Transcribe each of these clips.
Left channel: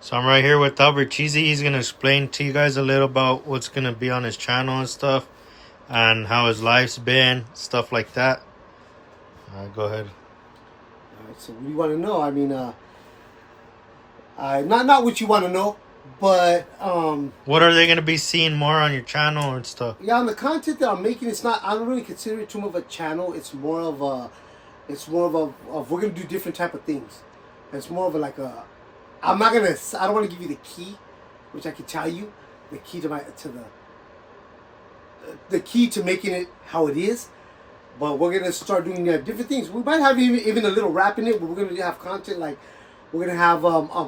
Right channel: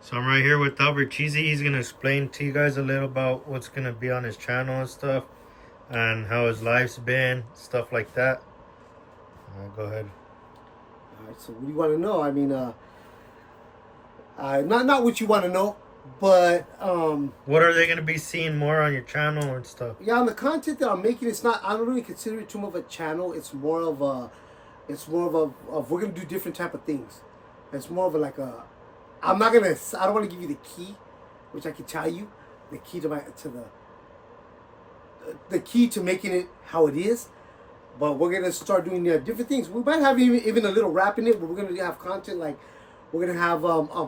So I'm right here with Albert Cheesy. He's gonna explain to you guys a little about what's gonna be on his channel and stuff, and how his life's been, stuff like that. Go ahead. All right, so what do you want to know? I mean, not what you want to know, but What are they gonna be seeing more on your channel and stuff? yeah, on the content that I'm making, it's not. I don't really consider it too much of a channel. It's more of we're gonna do different type of things. It's more of a like a. I'm not gonna. I don't want to give you the key, which I can tell you, the key to the key to making it how it is. But we're gonna start doing different things. We might have even a little rap in it, but we're gonna have content like we're gonna have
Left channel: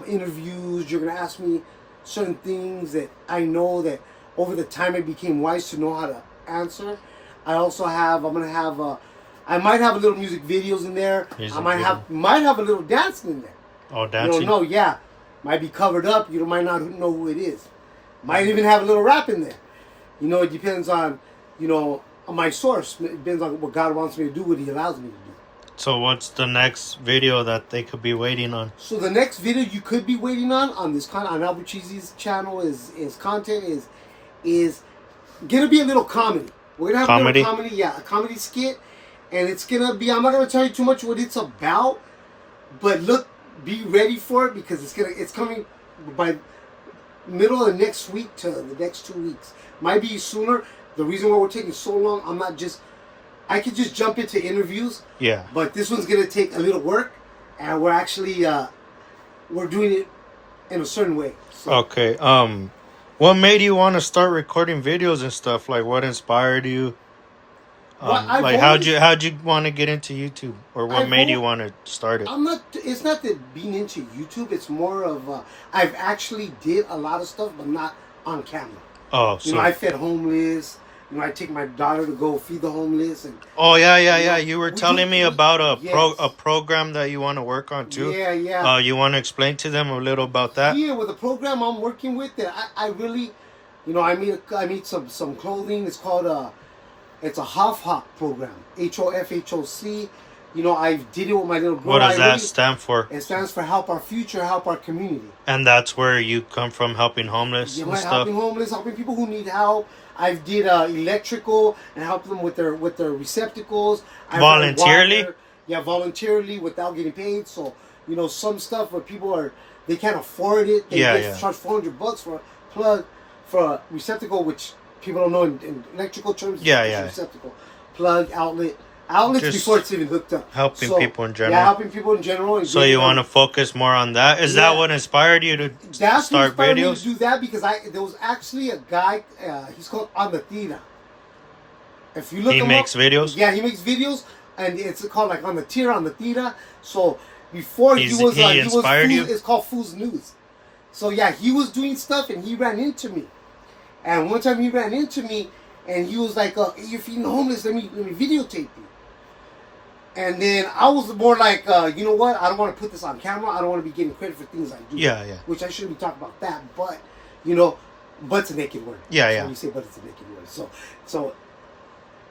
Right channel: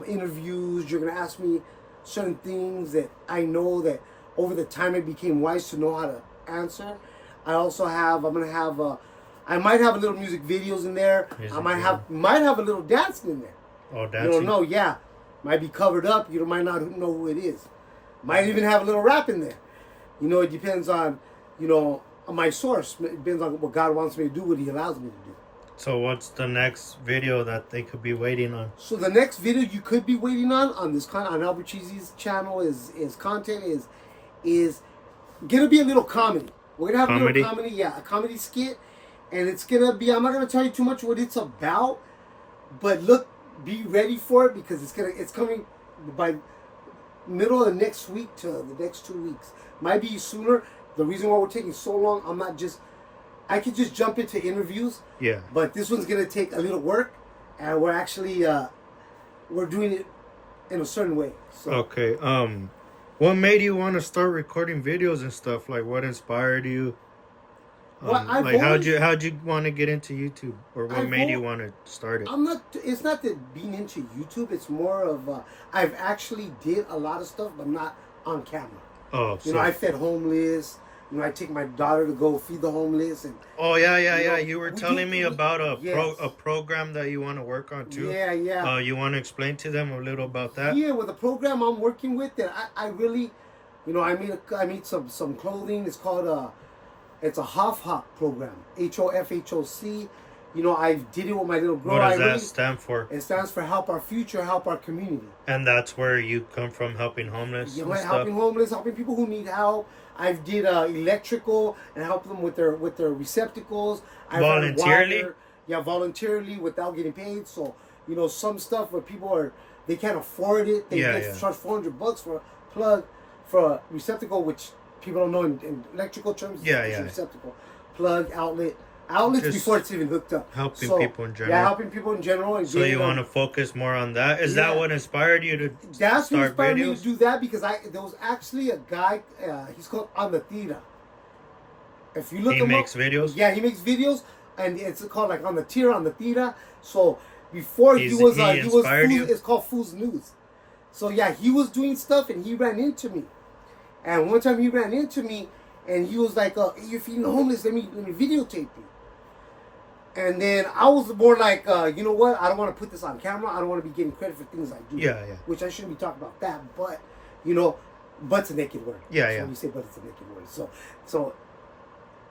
interviews. You're gonna ask me certain things that I know that over the time I became wise to know how to answer. I also have. I'm gonna have. I might have a little music videos in there. I might have a little dancing in there. Oh, You dancing. don't know, yeah. Might be covered up. You might not know who it is. Might even have a little rap in there. It depends on, on my source. It depends on what God wants me to do, what He allows me to do. So what's the next video that they could be waiting on? So the next video you could be waiting on this on Albert Cheesy's channel is content is gonna be a little comedy. We're gonna have a little comedy, yeah, a comedy skit, and it's gonna be. I'm not gonna tell you too much what it's about, but be ready for it because it's coming by middle of the next week to the next 2 weeks. Might be sooner. The reason why we're taking so long, I could just jump into interviews. Yeah. But this one's gonna take a little work, and we're actually we're doing it in a certain way. So. Okay. What made you want to start recording videos and stuff? Like, what inspired you? How'd you want to get into YouTube, or what made you want to start it? It's not that being into YouTube. It's more of I've actually did a lot of stuff, but not on camera. Oh, so I fed homeless. I take my daughter to go feed the homeless. And oh yeah. You were telling me about a program that you want to work on too. Yeah. You want to explain to them a little about that? Yeah, with the program I'm working with, that I really, I made some clothing. It's called it's a HOFHOC program. HOFHOC. I did it with my little girl. What does that stand for? It stands for Help Our Future, Help Our Community. And that's where you come from, helping homeless and stuff? Helping homeless, helping people who need help. I did electrical and helped them with their receptacles. Voluntarily? Yeah, voluntarily without getting paid. So, some stuff where people they can't afford it. They charge $400 for a plug for a receptacle, which people don't know in electrical terms. Receptacle, plug, outlet. Outlets just before it's even hooked up. Helping people in general. Yeah, helping people in general. And so you want to focus more on that? Is that what inspired you to start videos? Me to do that because there was actually a guy. He's called On the Tira. If you look him up, he makes videos. Yeah, he makes videos, and it's called like On the Tira. So before he was it's called Fool's News. So yeah, he was doing stuff, and he ran into me. And one time he ran into me, and he was like, "You're feeding the homeless. Let me videotape you." And then I was more like, you know what? I don't want to put this on camera. I don't want to be getting credit for things I do. Yeah. Which I shouldn't be talking about that. But, but's a naked word. Yeah. You say but it's a naked word. So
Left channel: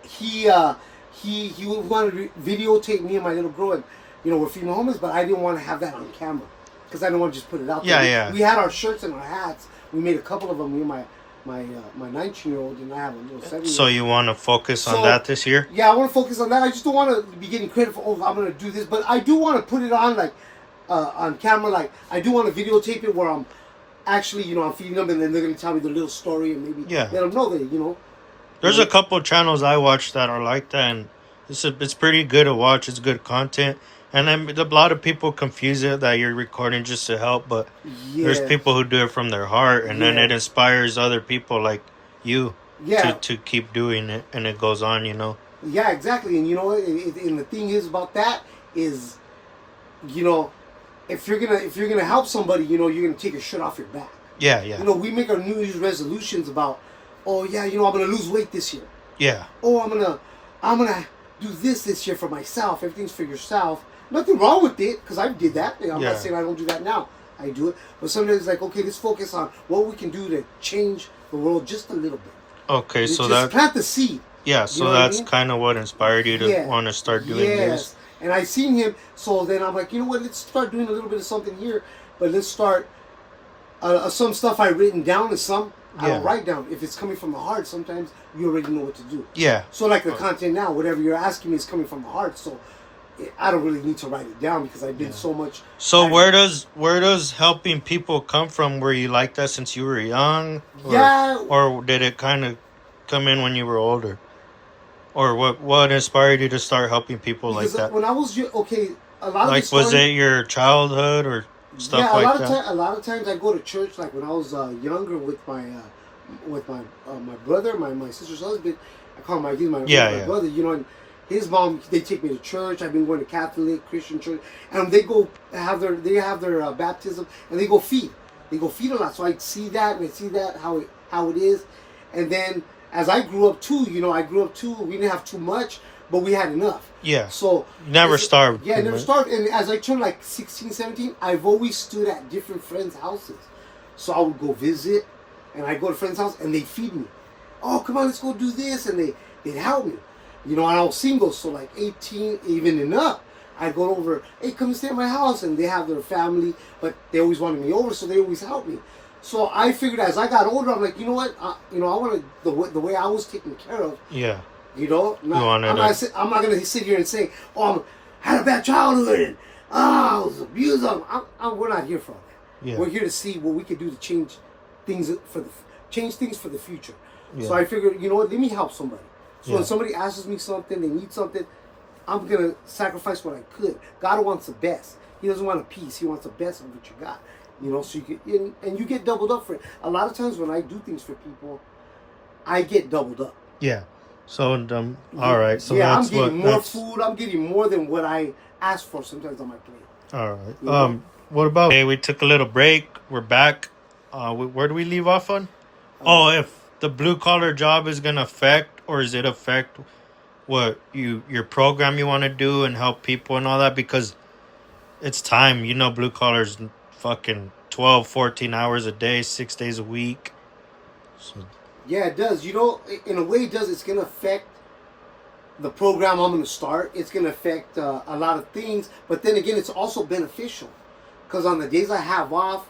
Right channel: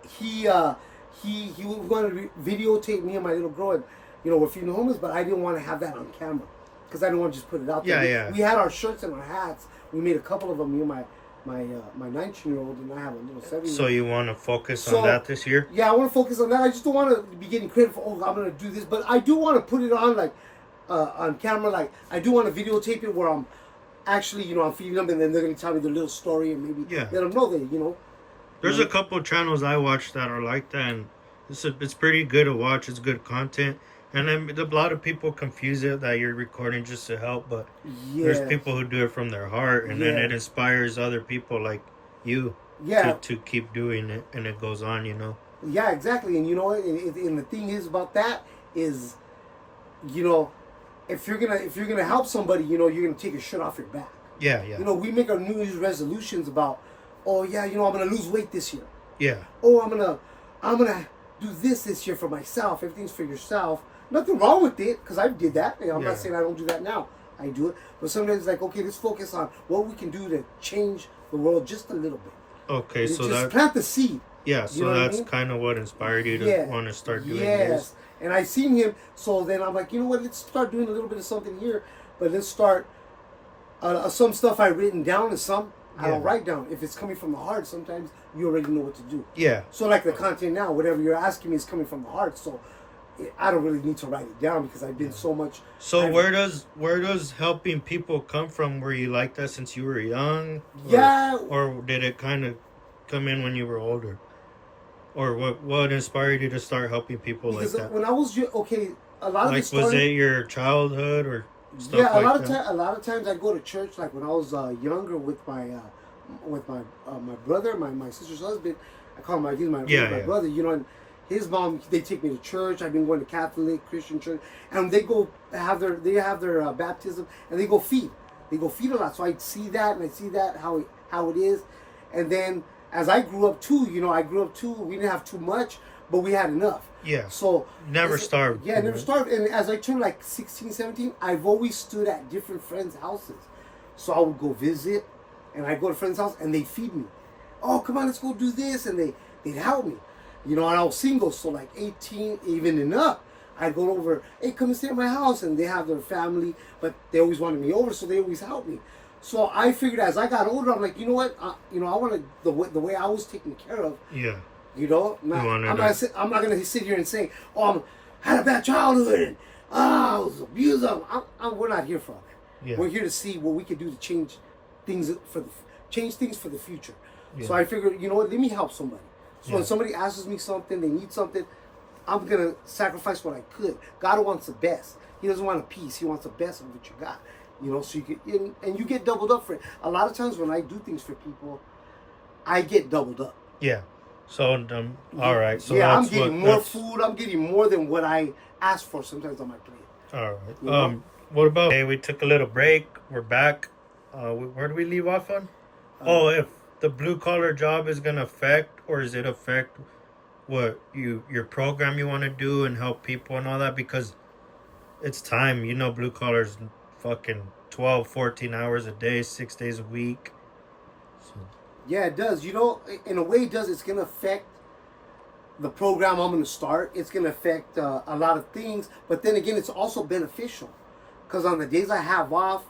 he wanted to videotape me and my little girl, and we're feeding the homeless, but I didn't want to have that on camera because I didn't want to just put it out there. Yeah. We had our shirts and our hats. We made a couple of them. Me and my 19-year-old, and I have a little 7-year-old. So you want to focus on that this year? Yeah, I want to focus on that. I just don't want to be getting credit for, I'm going to do this. But I do want to put it on, like, on camera. Like, I do want to videotape it where I'm actually, I'm feeding them, and then they're going to tell me the little story, and maybe let them know that, There's a couple channels I watch that are like that, and it's pretty good to watch. It's good content. And then a lot of people confuse it that you're recording just to help, but there's people who do it from their heart, and then it inspires other people like you to keep doing it, and it goes on, Yeah, exactly. And and the thing is about that is, if you're gonna help somebody, you're gonna take your shirt off your back. Yeah. We make our New Year's resolutions about, I'm gonna lose weight this year. Yeah. Oh, I'm gonna do this year for myself. Everything's for yourself. Nothing wrong with it, because I did that. I'm not saying I don't do that now. I do it. But sometimes it's like, okay, let's focus on what we can do to change the world just a little bit. Okay, so just plant the seed. Yeah, so that's kind of what inspired you to want to start doing this. And I seen him, so then I'm like, let's start doing a little bit of something here, but let's start Some stuff I've written down, and some I Yeah. don't write down. If it's coming from the heart, sometimes you already know what to do. Yeah. So like the content now, whatever you're asking me is coming from the heart. So I don't really need to write it down because I've been so much. So where does helping people come from? Were you like that since you were young? Yeah. Or did it kind of come in when you were older? Or what inspired you to start helping people like Because that? when I was okay, a lot of Like, the story, was it your childhood or stuff yeah, like that? a lot of times I go to church. Like when I was younger with my my brother, my sister's husband. I call him my my Yeah. brother. You know, and his mom, they take me to church. I've been going to Catholic Christian church, and they have their baptism, and they go feed. They go feed a lot. So I see that, and I see that how it is, and then as I grew up too, we didn't have too much, but we had enough. Yeah. So Never starved. Yeah, never starved. And as I turned like 16, 17, I've always stood at different friends' houses. So I would go visit, and I'd go to friends' house, and they'd feed me. Oh, come on, let's go do this, and they'd help me. You know, and I was single, so like 18, even and up, I'd go over, hey, come and stay at my house, and they have their family, but they always wanted me over, so they always helped me. So I figured as I got older, I'm like, you know what, I wanted the way I was taken care of. Yeah. You know, I'm not gonna sit here and say, oh, I had a bad childhood, and I was abused. We're not here for all that. Yeah. We're here to see what we can do to change things for the future. Yeah. So I figured, you know what, let me help somebody. So when Yeah. somebody asks me something, they need something, I'm gonna sacrifice what I could. God wants the best. He doesn't want a piece. He wants the best of what you got. You know, so you get and you get doubled up for it. A lot of times when I do things for people, I get doubled up. Yeah. So all right. So yeah, I'm that's getting more food. I'm getting more than what I asked for sometimes on my plate. All right. You know? What about? Okay, we took a little break. We're back. Where do we leave off on? If the blue collar job is gonna affect, or is it affect what your program you want to do and help people and all that? Because it's time. You know, blue collars fucking 12, 14 hours a day, 6 days a week. So, yeah, it does. You know, in a way, it does. It's gonna affect the program I'm gonna start. It's gonna affect a lot of things. But then again, it's also beneficial because on the days I have off,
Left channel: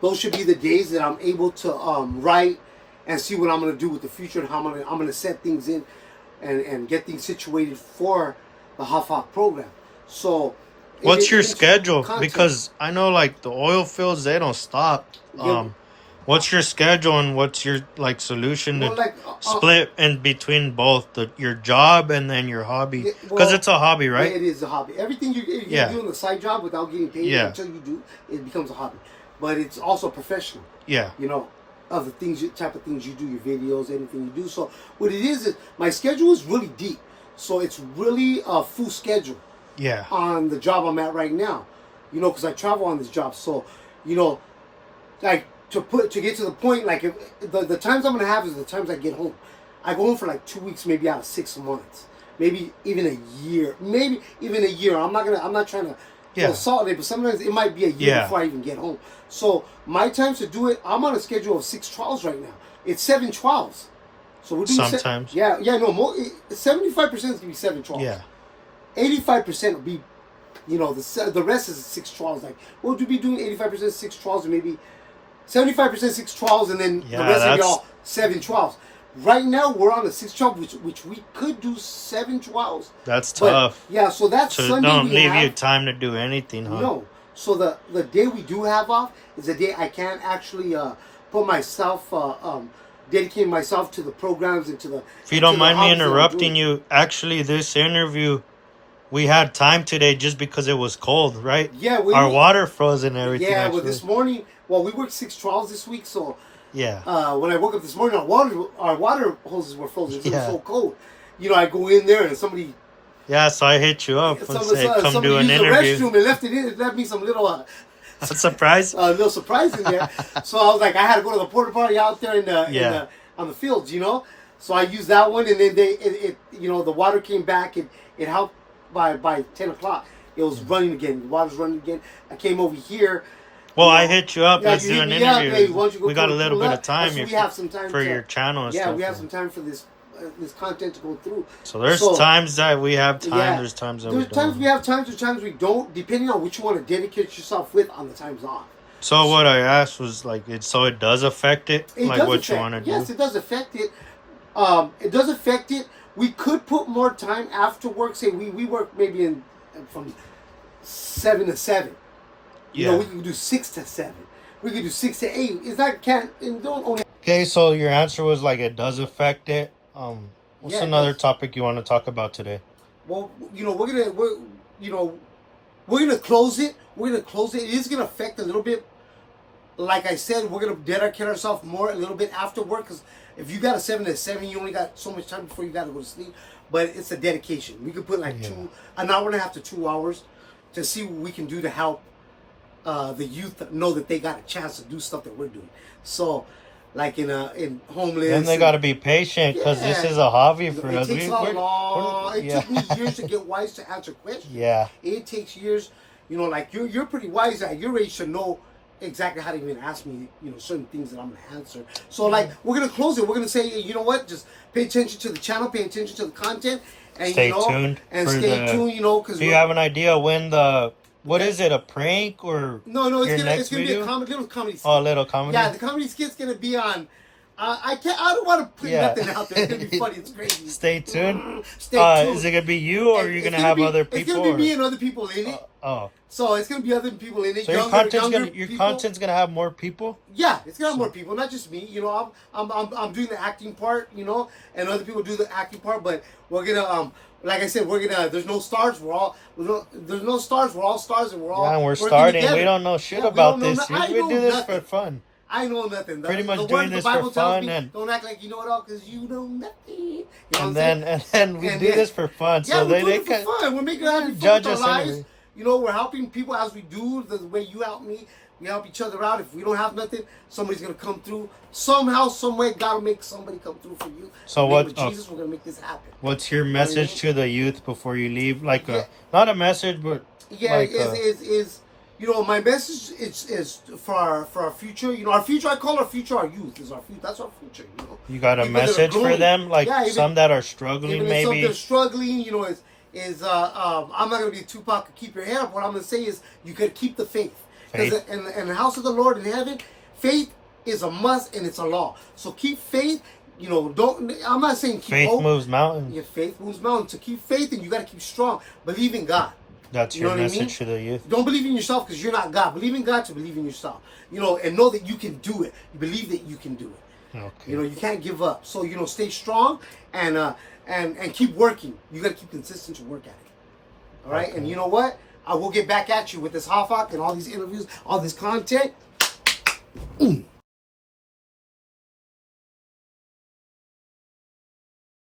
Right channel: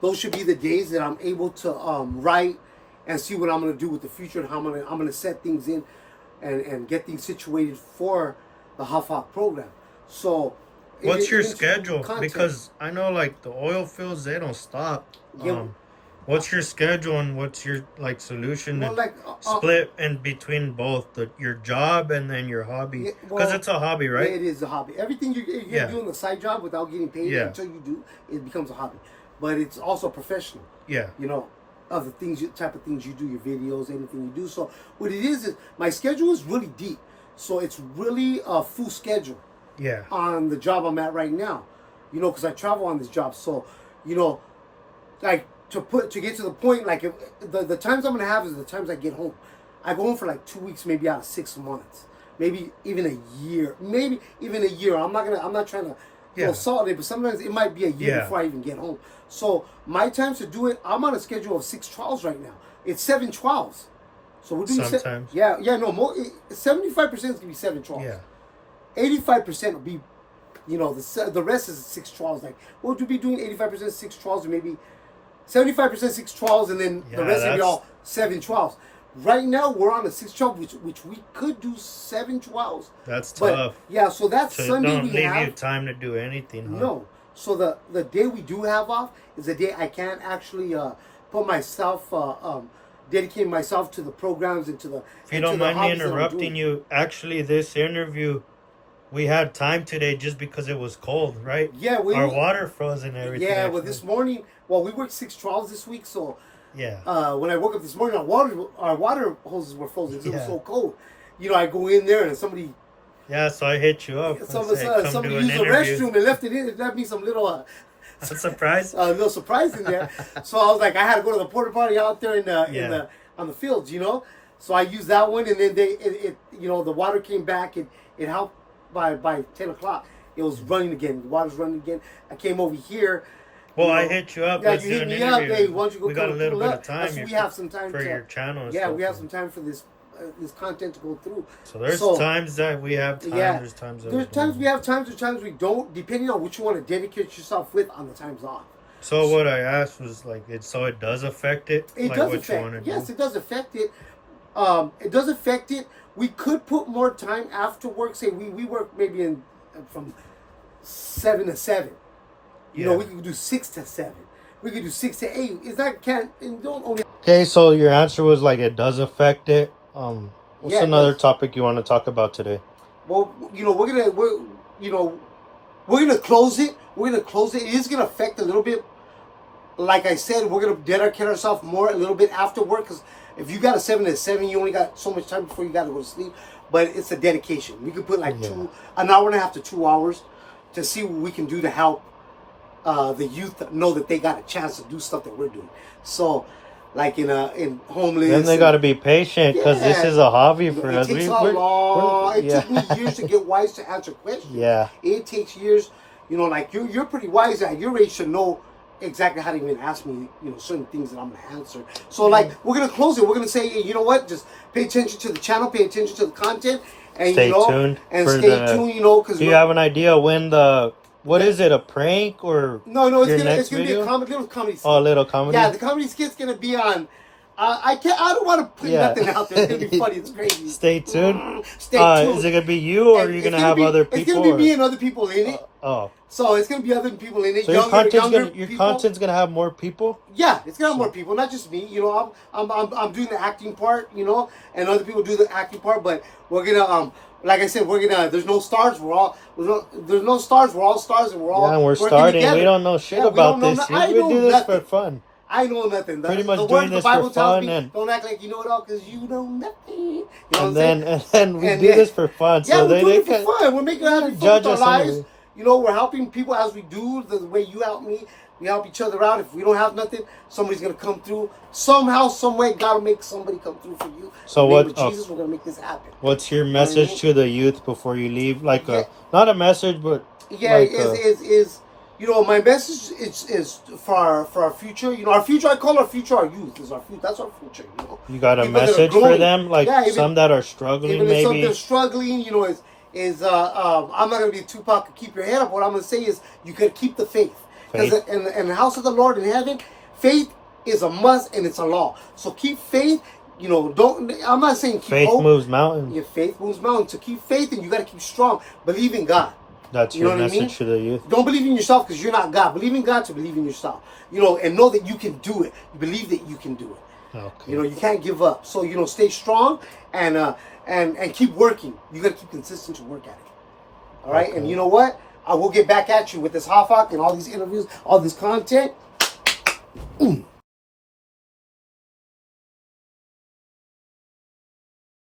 those should be the days that I'm able to write and see what I'm gonna do with the future and how I'm gonna set things in and get things situated for the HAFOC program. So, what's your schedule? Because I know like the oil fields, they don't stop. Yeah. What's your schedule and what's your like solution to split in between both your job and then your hobby? Because it's a hobby, right? Yeah, it is a hobby. Everything you're doing a side job without getting paid until you do, it becomes a hobby. But it's also professional. Yeah. You know, of the type of things you do, your videos, anything you do. So what it is my schedule is really deep. So it's really a full schedule. Yeah. On the job I'm at right now, you know, because I travel on this job. So, you know, like to get to the point, like if, the times I'm gonna have is the times I get home. I go home for like 2 weeks, maybe out of 6 months, maybe even a year, I'm not trying to go solid, but sometimes it might be a year before I even get home. So my times to do it, I'm on a schedule of 6 trials right now. It's 7 trials. So we're doing sometimes. 75% is gonna be 7 trials. Yeah. 85% will be, you know, the rest is 6 trials. Like we'll be doing 85% 6 trials, and maybe 75% 6 trials, and then the rest of y'all 7 trials. Right now we're on a 6 trial, which we could do 7 trials. That's tough. Yeah, so that's Sunday. Don't leave you time to do anything, huh? No. So the day we do have off is the day I can actually put myself dedicate myself to the programs and to the. If you don't mind me interrupting you, actually, this interview, we had time today just because it was cold, right? Yeah, our water froze and everything. Yeah, well, this morning, we worked 6 trials this week, so yeah. When I woke up this morning, our water hoses were frozen. It was so cold. You know, I go in there and somebody. Yeah, so I hit you up. Somebody used the restroom and left it in. It left me some little. A surprise. A little surprise in there. So I was like, I had to go to the porta potty out there on the fields, you know. So I used that one, and then the water came back and it helped by 10 o'clock. It was running again. The water's running again. I came over here. Well, I hit you up. Yeah, Let's you do hit an me interview. up. Hey, why don't you go we got a little bit of time. We have some time for your channel. And yeah, stuff. we have some time for this content to go through. So there's times that we have time. Yeah, there's times that we have times we don't, depending on what you want to dedicate yourself with on the times off. So what I asked was like, so it does affect it, It like does what affect, you want to yes, do. it does affect it. It does affect it. We could put more time after work. Say we work maybe in from 7 to 7. You know, we could do 6 to 7. We could do 6 to 8. It's not can't and don't only. Okay, so your answer was like it does affect it. What's Yeah, another topic you want to talk about today? Well, you know, we're gonna close it. We're gonna close it. It is gonna affect a little bit. Like I said, we're gonna dedicate ourselves more a little bit after work, because if you got a 7 to 7, you only got so much time before you gotta go to sleep. But it's a dedication. We could put like an hour and a half to 2 hours to see what we can do to help the youth know that they got a chance to do stuff that we're doing. So, like in homeless, And they got to be patient because this is a hobby for us. It takes it took me years to get wise to answer questions. Yeah, it takes years. You know, like you're pretty wise at your age to know exactly how to even ask me, you know, certain things that I'm gonna answer. So like we're gonna close it. We're gonna say, hey, you know what? Just pay attention to the channel, pay attention to the content, and stay you know, tuned. And stay tuned. You know, because do you have an idea when what is it? A prank or no? It's gonna be a little comedy skit. Oh, a little comedy. Yeah, the comedy skit's gonna be on. I don't want to put nothing out there. It's gonna be funny. It's crazy. Stay tuned. Stay tuned. Is it gonna be you, or are you gonna have other people? It's gonna be me and other people in it. Oh. So it's gonna be other people in it. So younger your content's gonna have more people. Yeah, it's gonna have more people, not just me. You know, I'm doing the acting part. You know, and other people do the acting part. But we're gonna like I said, there's no stars. There's no stars. We're all stars, and we're all we're working starting. together. We don't know shit we about don't know this. I know do this nothing. for fun. I know nothing. Pretty much the doing word of the this Bible for tells fun me, don't act like you know it all because you know nothing. You know what I'm saying? saying? And then we do this for fun. Yeah, so we're doing it for fun. We're making having fun with our lives. And, you know, we're helping people as we do, the way you help me. We help each other out. If we don't have nothing, somebody's going to come through. Somehow, some way, God will make somebody come through for you. So in the name of Jesus, we're going to make this happen. What's your message to the youth before you leave? Like not a message, but... Yeah, like you know, my message is for our future. You know, our future, I call our future our youth. Is our future. That's our future, you know. You got a message for them? Like some that are struggling, even maybe? Even some that are struggling, you know, I'm not going to be Tupac, keep your head up. What I'm going to say is you got to keep the faith. Because in the house of the Lord in heaven, faith is a must and it's a law. So keep faith. You know, I'm not saying keep faith hope. Moves mountains. Your faith moves mountains. So keep faith and you got to keep strong. Believe in God. That's your message to the youth. Don't believe in yourself because you're not God. Believe in God to believe in yourself. You know, and know that you can do it. You believe that you can do it. Okay. You know, you can't give up. So, you know, stay strong and keep working. You got to keep consistent to work at it. All right? Okay. And you know what? I will get back at you with this Hafak and all these interviews, all this content.